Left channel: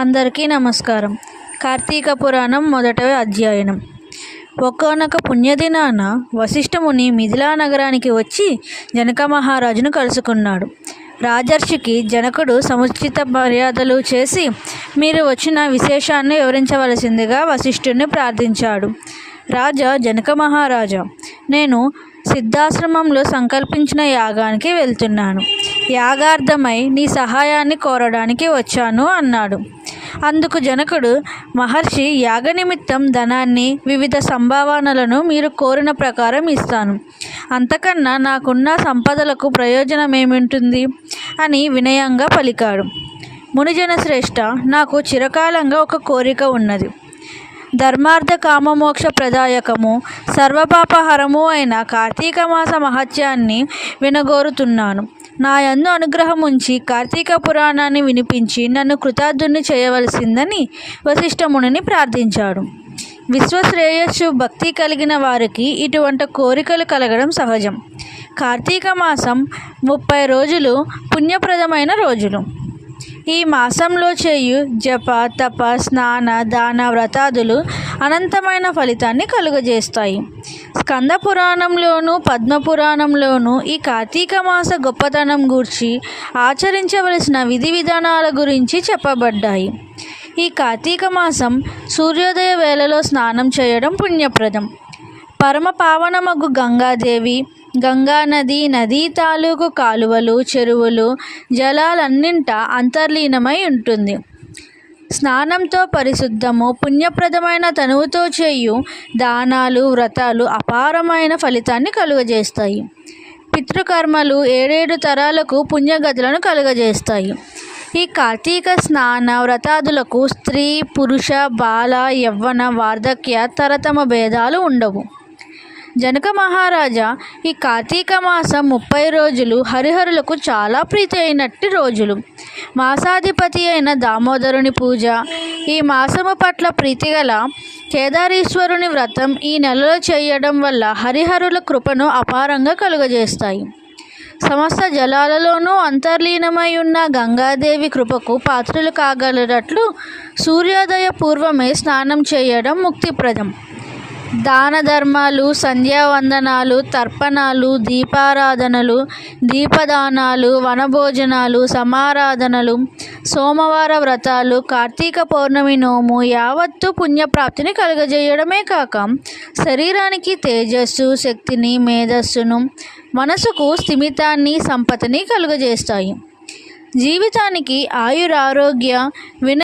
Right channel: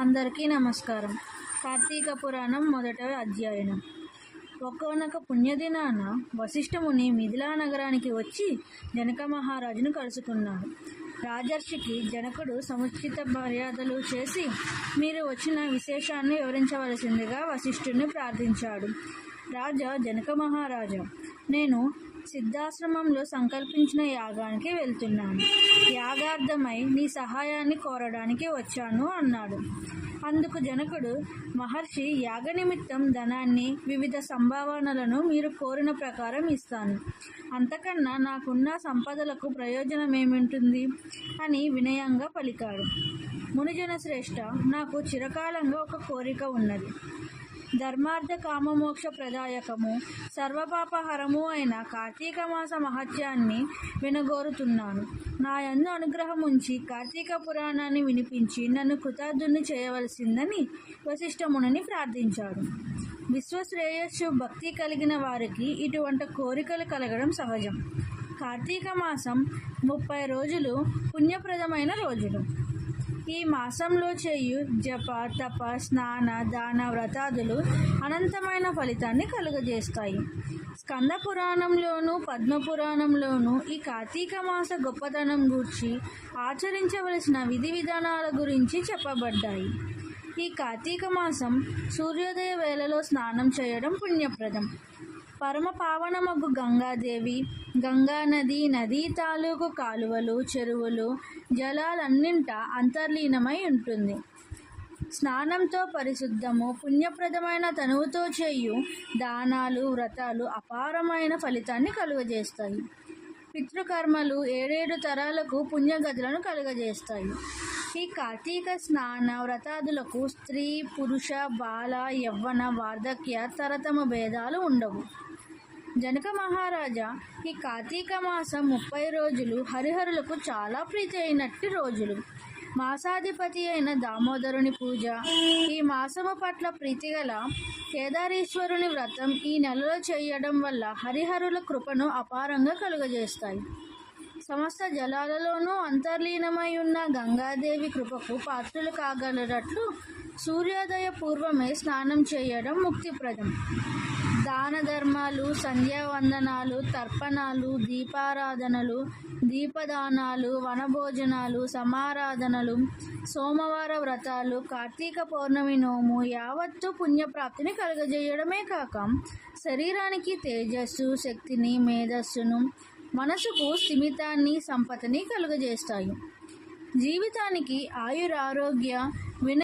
అందరికీ నమస్కారం. కార్తీక పురాణం మొదట అధ్యయనం. ఒకానొక పుణ్యదినాన వశిష్ఠముని మిథిలా నగరానికి వచ్చి జనక మహారాజును కలుసుకున్నాడు. రాజర్షికి జనకుడు సముచిత మర్యాదలు చేసి మీరు వచ్చిన విశేషాన్ని వివరించవలసిందిగా వశిష్ఠుడిని ప్రార్థించాడు. రాజా జనక మహారాజా, నేను సిద్ధాశ్రమంలో సంకల్పించిన యాగానికి వెళ్తున్నాను. యాగార్థమై నీ సహాయాన్ని కోరడానికి వచ్చాను అన్నాడు. అందుకు జనకుడు, మహర్షి, యాగ నిమిత్తం ధనాన్ని, వివిధ సంభావనలను మీరు కోరిన ప్రకారం ఇస్తాను. అంతకన్నా నాకున్న సంపదలకు ప్రయోజనమేమింటుంది అని వినయంగా పలికాడు. మునిజన శ్రేష్ఠ, నాకు చిరకాలంగా ఒక కోరిక ఉన్నది. ధర్మార్థ కామమోక్ష ప్రదాయకము సర్వపాపహరము అయిన కార్తీక మాస మహత్యాన్ని వినగోరుతున్నాను. నా యందు అనుగ్రహం ఉంచి కార్తీక పురాణాన్ని వినిపించి నన్ను కృతార్థుని చేయవలసిందని వశిష్ఠమునిని ప్రార్థించాడు. విశ్వశ్రేయస్సు భక్తి కలిగిన వారికి ఇటువంటి కోరికలు కలగడం సహజం. కార్తీక మాసం 30 రోజులు పుణ్యప్రదమైన రోజులు. ఈ మాసంలో చేయు జప, తప, స్నాన, దాన, వ్రతాదులు అనంతమైన ఫలితాన్ని కలుగజేస్తాయి. స్కంద పురాణంలోను పద్మపురాణంలోనూ ఈ కార్తీక మాస గొప్పతనం గూర్చి ఆచరించవలసిన విధి విధానాల గురించి చెప్పబడ్డాయి. ఈ కార్తీక మాసం సూర్యోదయ వేళలో స్నానం చేయడం పుణ్యప్రదం. పరమ పావనమగు గంగాదేవి, గంగానది, నదీ తాలూకు కాలువలు, చెరువులు, జలాలన్నింట అంతర్లీనమై ఉంటుంది. స్నానంతో పరిశుద్ధము, పుణ్యప్రదమైన తనువుతో చేయు దానాలు, వ్రతాలు అపారమైన ఫలితాన్ని కలుగజేస్తాయి. పితృకర్మలు 7 తరాలకు పుణ్యగతులను కలుగజేస్తాయి. ఈ కార్తీక స్నాన వ్రతాదులకు స్త్రీ, పురుష, బాల, యవ్వన, వార్ధక్య, తరతమ భేదాలు ఉండవు. జనక మహారాజా, ఈ కార్తీక మాసం 30 రోజులు హరిహరులకు చాలా ప్రీతి అయినట్టి రోజులు. మాసాధిపతి అయిన దామోదరుని పూజ, ఈ మాసము పట్ల ప్రీతిగల కేదారీశ్వరుని వ్రతం ఈ నెలలో చేయడం వల్ల హరిహరుల కృపను అపారంగా కలుగజేస్తాయి. సమస్త జలాలలోనూ అంతర్లీనమై ఉన్న గంగాదేవి కృపకు పాత్రులు కాగలరట్లు సూర్యోదయ పూర్వమే స్నానం చేయడం ముక్తిప్రదం. దాన ధర్మాలు, సంధ్యావందనాలు, తర్పణాలు, దీపారాధనలు, దీపదానాలు, వనభోజనాలు, సమారాధనలు, సోమవార వ్రతాలు, కార్తీక పౌర్ణమి నోము యావత్తు పుణ్యప్రాప్తిని కలుగజేయడమే కాక శరీరానికి తేజస్సు, శక్తిని, మేధస్సును, మనసుకు స్థిమితాన్ని, సంపదని కలుగజేస్తాయి. జీవితానికి ఆయురారోగ్య